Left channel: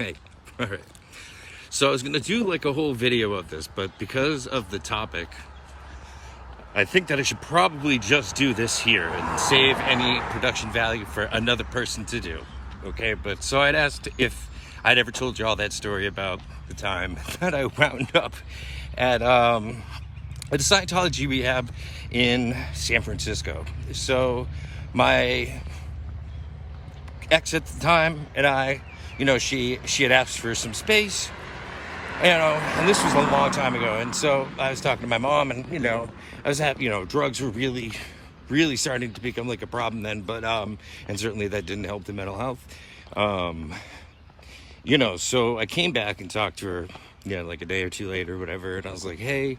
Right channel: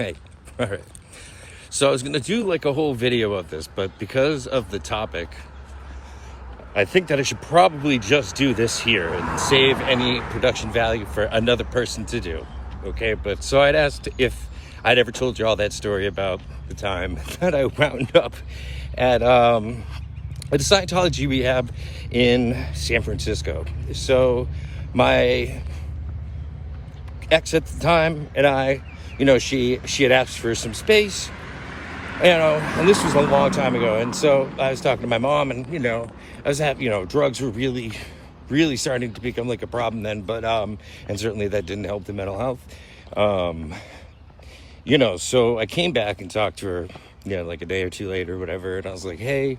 Hey, all right. So I was going to do like a whole video of this, but because of the topic, I think that I should probably just do this here and save any production value for another person to do. Okay, but so I'd asked if I'd ever told you all that story about the time that I wound up at a Scientology rehab in San Francisco. So my ex at the time and I, she had asked for some space, and this was a long time ago. And so I was talking to my mom, and I was happy. Drugs were really starting to become like a problem then, but and certainly that didn't help the mental health. So I came back and talked to her, like a day or two later, or whatever, and I was like, hey, you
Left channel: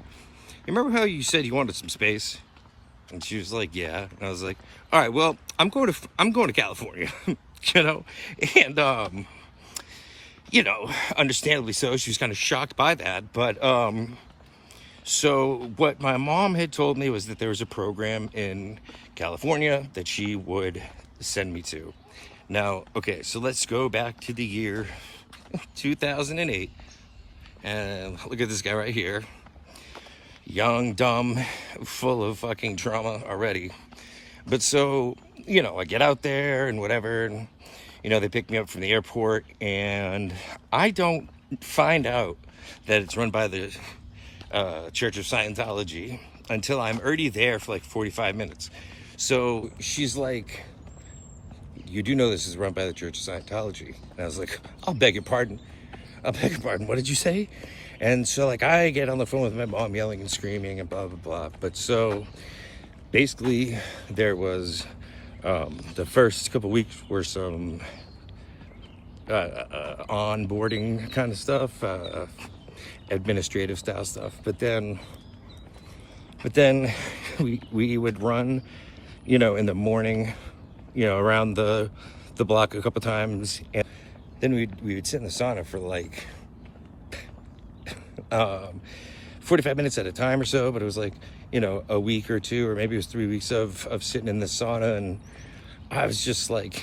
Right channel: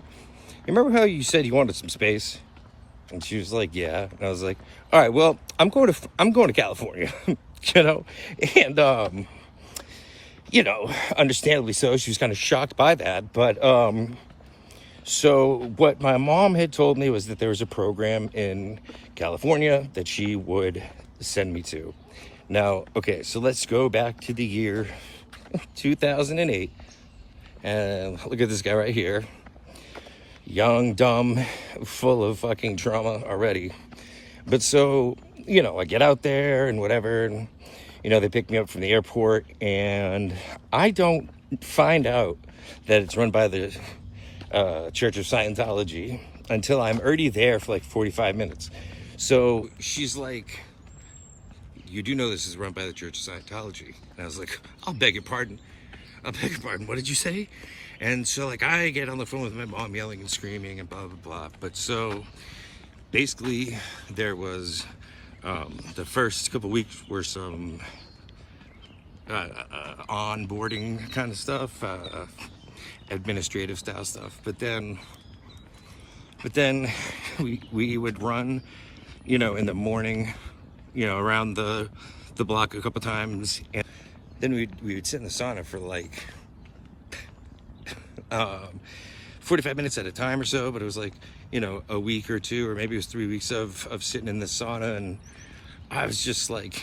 remember how you said you wanted some space? And she was like, yeah. And I was like, all right, well, I'm going to California, and understandably so. She was kind of shocked by that, but so what my mom had told me was that there was a program in California that she would send me to. Now, okay, so let's go back to the year 2008, and look at this guy right here. Young, dumb, full of fucking trauma already. But so, I get out there and whatever, and, they pick me up from the airport, and I don't find out that it's run by the Church of Scientology until I'm already there for like 45 minutes. So she's like, you do know this is run by the Church of Scientology? And I was like, I'll beg your pardon. What did you say? And so, like, I get on the phone with my mom yelling and screaming and blah, blah, blah. But so, basically, there was, the first couple weeks were some onboarding kind of stuff, administrative style stuff. But then we would run, in the morning, around the block a couple times. And then we would sit in the sauna for like 45 minutes at a time or so, but it was like, a week or two, or maybe it was 3 weeks of sitting in the sauna, and I was just like,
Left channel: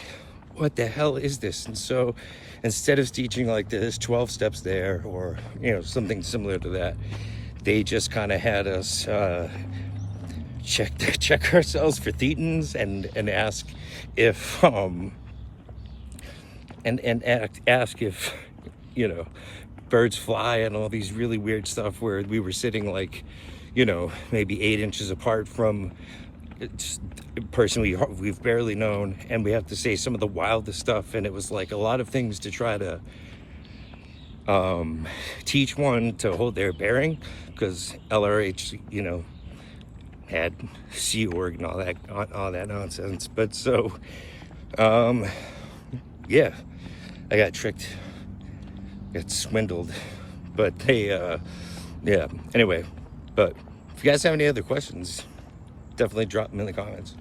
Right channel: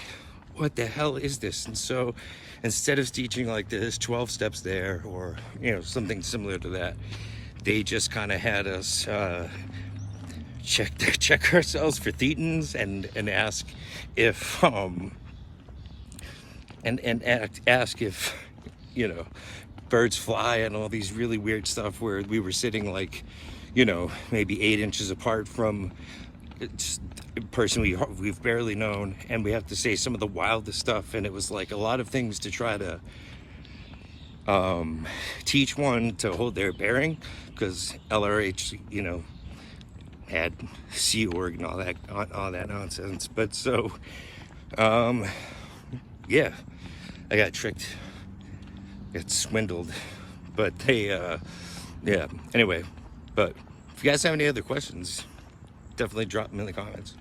what the hell is this? And so instead of teaching like this 12 steps there, or, something similar to that, they just kind of had us check ourselves for thetans and ask if, ask if, birds fly and all these really weird stuff, where we were sitting like, maybe 8 inches apart from a person we've barely known, and we have to say some of the wildest stuff. And it was like a lot of things to try to teach one to hold their bearing, because LRH, had Sea Org and all that nonsense. But so, yeah, I got tricked. Get swindled, but they yeah, anyway. But if you guys have any other questions, definitely drop them in the comments.